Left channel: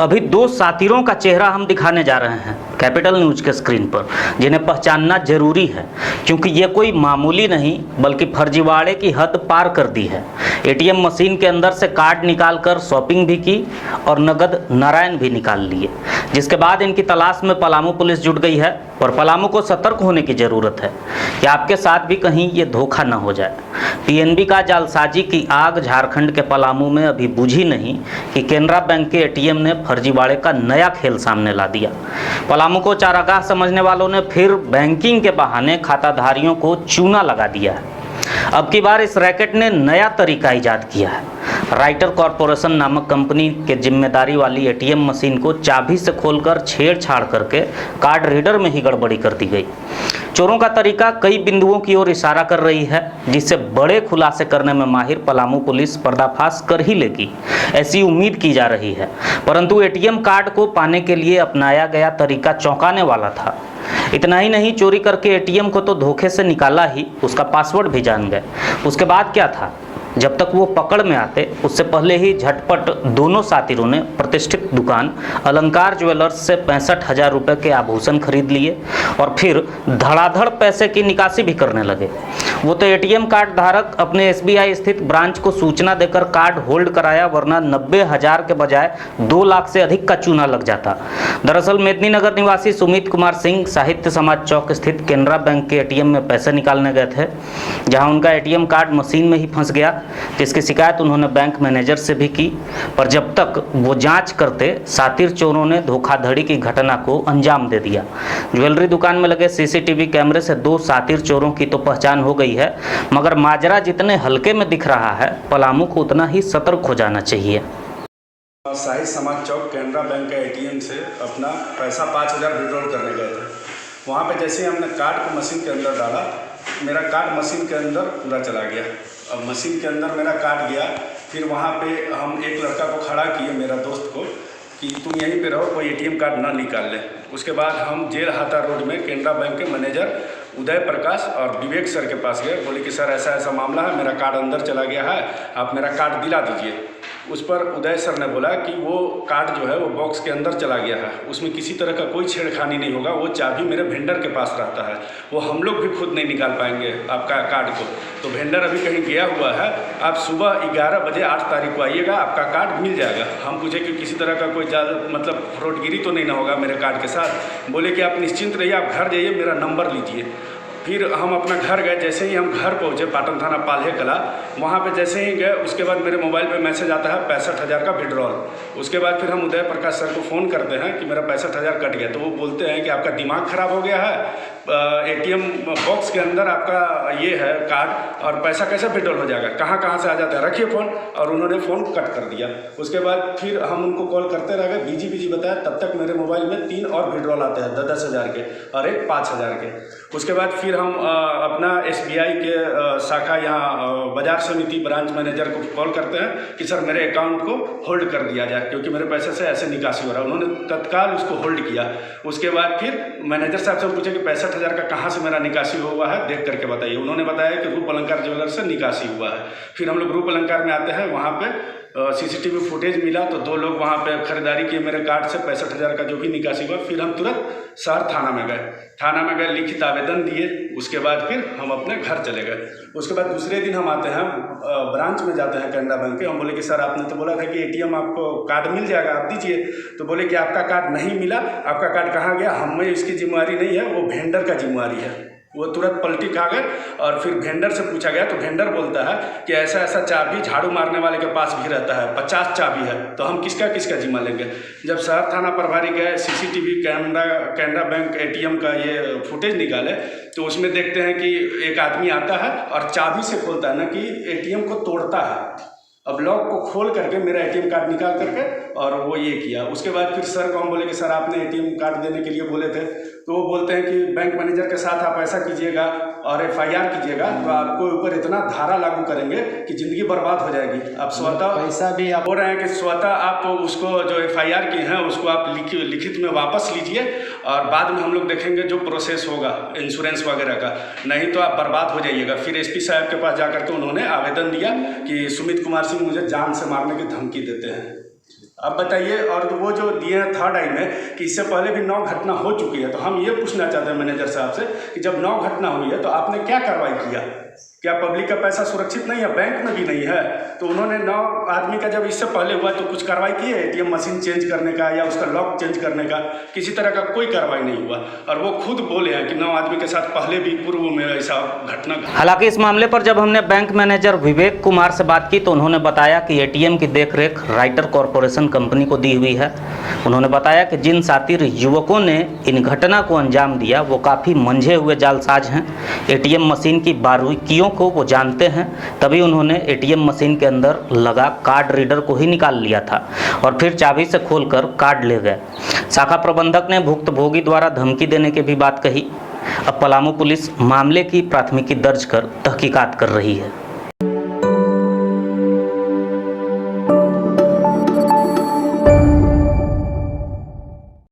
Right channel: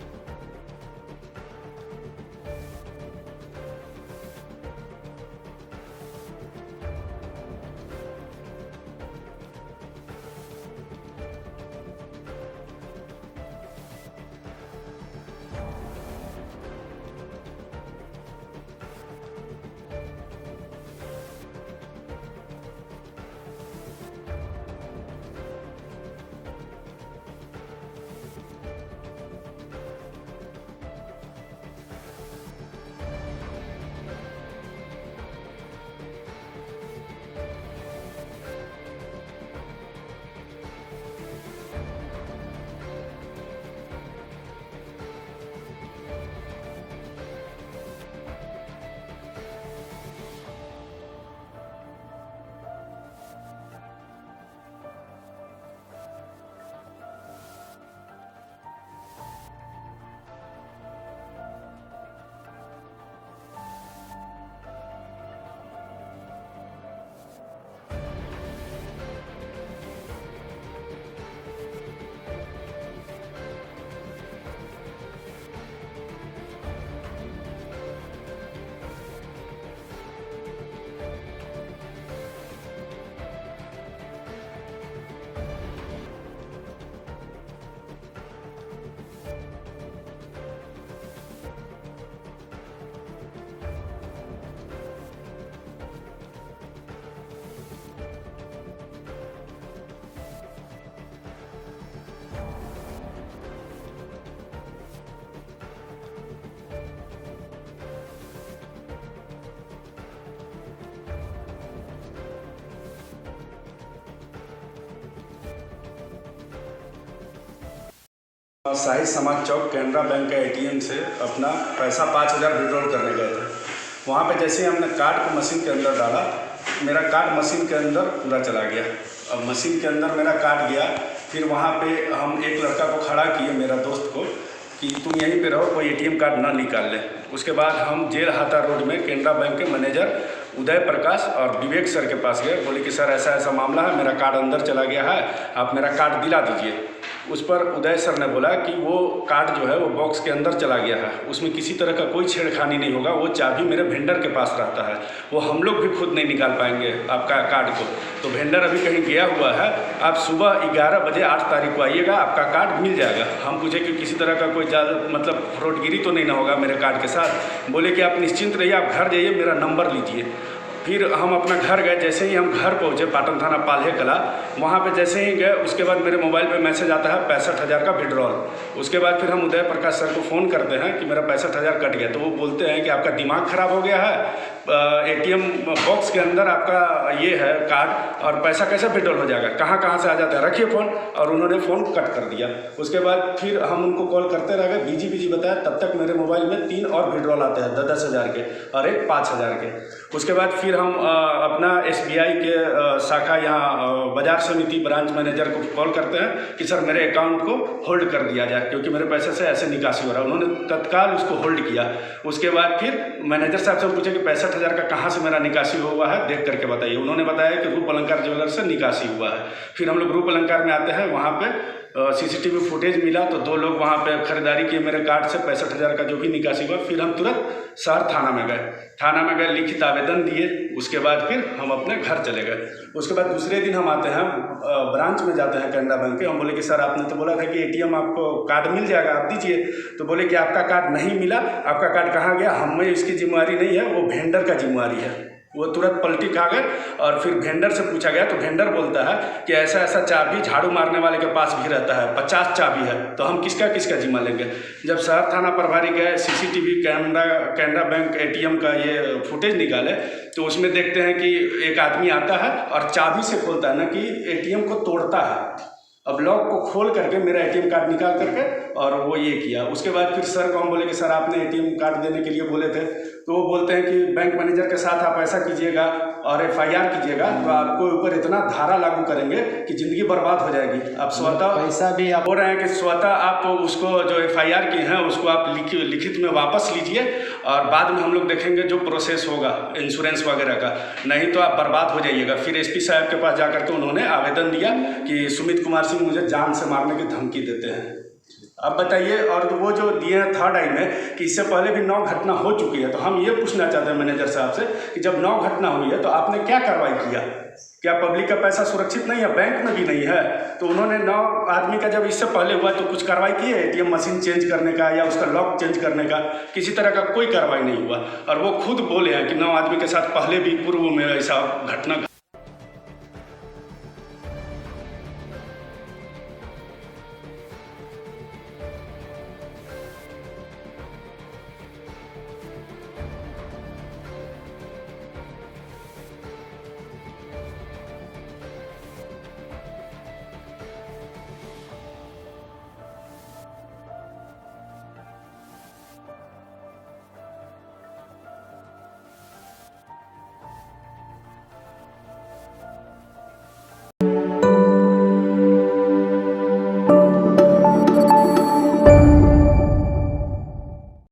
अभी दो सातिरों का चेहरा हम दिखाने जा रहे हैं कैपिटल न्यूज के स्क्रीन पर, जिन्हें पहचानना जरूरी है क्योंकि ये कोई मामूली नहीं बल्कि फर्जीवाड़े की हद पार कर दी है। एटीएम मशीन के अंदर से कार्ड निकालकर शॉपिंग भी की और नगद नारायण भी निकाल लिए, जिसके बाद इनकी तलाश में पलामू पुलिस जुट गई है और पलामू को सतर्क होने की जरूरत है कि आपके साथ भी कहीं ये धोखा न हो जाए। पीएनबी का जालसाजी की आग झारखंड के पलामू में अभी बुझी नहीं कि केनरा बैंक के एटीएम ने फर्जीवाड़े का नया खेल सामने ला दिया। पलामू को चारागाह समझने वालों ने फिर बैंकिंग के बहाने खाताधारियों को चूना लगा दिया है। अब की बार इस रैकेट ने नया तरीका इजाद किया है। राइटर कॉरपोरेशन नामक कंपनी के जिम्मेदारी वाली एटीएम मशीन को चाबी से खोलकर छेड़छाड़ करके कार्ड रीडर में ही गड़बड़ी कर दी गई। चोरों का तरीका कई बिंदुओं की ओर इशारा कर रही है, जिससे बड़े खुलासे करने में माहिर पलामू पुलिस पर्दाफाश कर ही लेगी, ऐसी उम्मीद की जा रही है। परंतु एटीएम कार्ड को पाने के लिए अपनाया गया तरीका चौंकाने वाला था। इतना ही नहीं, चोरी करके एटीएम को तो धोखे से निकाला ही, उसका पासवर्ड भी जान गए। उसके बाद क्या था? जब तक वो पकड़ में आते उससे पहले ही झटपट दोनों साथिरों ने प्रतिष्ठित दुकान अलंकार ज्वेलर्स से 65,000 रुपये के आभूषण खरीद लिए और फिर धड़ाधड़ पैसे की निकासी भी करने लगे। वो तो एटीएम कार्ड धारक अपने एसबीआई स्थित ब्रांच को सूचना देकर कार्ड होल्ड कराया, वरना 90,000 के बजाय 2 लाख से अधिक का चूना लग जाता। दरअसल मेदिनीनगर निवासी सुमित कुमार सिंह साहित्य समाज चौक स्थित केनरा बैंक के एटीएम में पैसे निकालने गए थे, जहां उनका एटीएम कार्ड मशीन में ही फंस गया, जिसकी शिकायत उन्होंने बैंक मैनेजर से भी की। पर जब तक वो जांच करते, सातिर चोरों ने धोखाधड़ी की घटना को अंजाम दे दिया। ज्वेलरी दुकान में लगे सीसीटीवी कैमरे से 2 सातिर चोरों की तो पहचान हो गई है, मगर माजरा जितने हल्के में दिख रहा है, पलामू को उतना ही सतर्क हो जाना चाहिए। साहित्य समाज चौक केनरा बैंक के एटीएम से अपना पैसा 5,000 विड्रॉल करने गए थे। वहाँ पे जैसे ही हमने कार्ड को मशीन के अंदर डाला, मेरा कार्ड मशीन के अंदर पूरा चला गया। अब मशीन के अंदर मेरा कार्ड गया, फिर वहाँ पे हम एक लड़का को खड़ा किए, मेरा दोस्त को, कि तुम यहीं पे रहो, कोई एटीएम कार्ड ना निकाल ले। उसके बाद हम जेल हाता रोड में केनरा बैंक के मैनेजर उदय प्रकाश और विवेक सर के पास गए। बोले कि सर ऐसा ऐसा मामला है, मेरा कार्ड अंदर चला गया है, आप मेरा कार्ड दिला दीजिए। उस पर उदय सर ने बोला कि वो कार्ड जो है वो बॉक्स के अंदर चला गया है, उसमें किसी तरह का कोई छेड़खानी नहीं होगा, वो चाबी मेरे वेंडर के पास रहता है, वो हम लोग भी खुद नहीं निकाल पाएंगे आपका कार्ड को। तो वेंडर अभी कहीं गया हुआ है, आप सुबह 11 बजे 8 तारीख को आइएगा, आपका कार्ड मिल जाएगा। हम पूछे कि किसी तरह का कोई मतलब फ्रॉडगिरी तो नहीं ना होगा मेरे कार्ड के साथ? बोले कि आप निश्चिंत रहिए, आप घर जाइए, मेरा नंबर लीजिए। फिर हम अपना घर गए। जैसे ही हम घर पहुँचे, पाटन थाना पाल्हे कला, वहाँ पे जैसे ही गए, उसके बाद मेरे मोबाइल पे मैसेज आता है 65,000 का विड्रॉल। उसके बाद फिर हम उदय प्रकाश सर को फ़ोन करते हैं कि मेरा 65,000 कट गया। तो वो बोलते हैं कि आपका दिमाग ख़राब हो गया है, एटीएम बॉक्स के अंदर आपका ये है कार्ड, और पैसा कैसे विड्रॉल हो जाएगा, कहाँ कहाँ से आ जाता है, रखिए फ़ोन। और उन्होंने फ़ोन कट कर दिया। उसके बाद फिर हम उनको कॉल करते रह गए, बिजी बताया। तब तक मेरे मोबाइल में 3 और विड्रॉल आते हैं 10,000 के और एक 5,000 के। उसके बाद फिर हम अपना एसबीआई के शाखा यहाँ बाजार समिति ब्रांच मैनेजर को कॉल करते हैं कि सर मेरे अकाउंट को होल्ड कर दिया जाए, क्योंकि मेरे पैसे से ऐसे निकासी हो रहा है। उन्होंने तत्काल उसको होल्ड किया। उसके बाद फिर मैनेजर साहब से पूछे कि 65,000 का कहाँ से मेरा निकासी हुआ है, देख करके बताइए। उन्होंने बताया कि रूप अलंकार ज्वेलर से निकासी हुआ है। फिर हम लोग रूप अलंकार में आते हैं, वहाँ पे सीसीटीवी फुटेज मिला, तो 2 लोग वहाँ पे खरीदारी किए मेरे कार्ड से 65,000 का जो भी निकासी हुआ। फिर हम तुरंत शहर थाना में गए, लिखित आवेदन दिए। उसके बाद फिर हम अपने घर चले गए। उसके बाद दूसरे दिन हम आते हैं, ब्रांच में जाते हैं केनरा बैंक के। हम बोले कि सर आपने तो बोला था कि एटीएम आपको कार्ड मिल जाएगा, आप दीजिए। तो बोले कि आपका कार्ड नहीं मिला, आपका कार्ड कहाँ गया, हमें इसकी जिम्मेवारी नहीं है, वो वेंडर का जिम्मेवारी है। वो तुरंत पलटी खा गए और फिर वेंडर से पूछा गया, तो वेंडर बोलता है कि ऐसा ऐसा चाबी झाड़ू मारने वाले के पास भी रहता है, 50 चाबी है, तो हम किसका जिम्मा लेंगे। जब शहर थाना प्रभारी गए, सीसीटीवी केनरा बैंक एटीएम का ये फुटेज निकाले, तो उसमें देखते हैं कि एक आदमी आता है और चाबी से खोलता है, ना कि एटीएम को तोड़ता है। अब लॉक को खोल करके मेरा एटीएम कार्ड निकाल करके और वो ये किया। उसके बाद फिर सर को हम बोले कि सर आपने एटीएम कार्ड देने के लिए बोले थे, तो वो बोलते हैं कि बैंक मैनेजर के साथ आप ऐसा कीजिएगा और एफआईआर कीजिएगा, तो आपको ऊपर इतना धारा लागू करेंगे कि ज़िंदगी बर्बाद हो जाएगी। आप स्वतः पैसा भी आप बोल रहे हैं कि स्वतः आप उसको जो एफआईआर की हैं उसको आप लिखित में वापस लीजिए, और बाद में हम लोग देखेंगे जो प्रोसेस होगा इंश्योरेंस वगैरह का, नहीं तो आप बर्बाद हो जाइएगा। फिर एसपी साहब के पास जाकर के उन्होंने आवेदन दिया कि सुमित कुमार सिंह मुझे जान से मारने की धमकी देते हैं। अब बताइए, और वो जो दिए हैं थर्ड आई में कि इससे पहले भी 9 घटना हो चुकी है, तो हम ये पूछना चाहते हैं मैनेजर साहब से कि जब 9 घटना हुई है तो आपने क्या कार्रवाई किया? क्या पब्लिक का पैसा सुरक्षित नहीं है? बैंक में भी नहीं है, तो उन्होंने 9 आदमी का जब इससे पहले हुआ तो कुछ कार्रवाई की है? एटीएम मशीन चेंज करने का या उसका लॉक चेंज करने का किसी तरह का कोई कार्रवाई नहीं हुआ, और वो खुद बोले हैं कि 9 आदमी के साथ पहले भी पूर्व में ऐसा घटना। हालांकि इस मामले पर जब हमने बैंक मैनेजर विवेक कुमार से बात की तो उन्होंने बताया कि एटीएम की देखरेख राइटर कॉरपोरेशन कंपनी को दी हुई है। उन्होंने बताया कि जिन शातिर युवकों ने इन घटना को अंजाम दिया वो काफ़ी मंझे हुए जालसाज हैं। एटीएम मशीन की बारीकियों को वो जानते हैं, तभी उन्होंने एटीएम मशीन के अंदर लगा कार्ड रीडर को ही निकाल लिया था और फिर चाबी से खोलकर कार्ड ले गए। शाखा प्रबंधक ने भुक्तभोगी द्वारा धमकी देने की भी बात कही। अब पलामू पुलिस मामले की प्राथमिकी दर्ज कर तहकीकात कर रही है।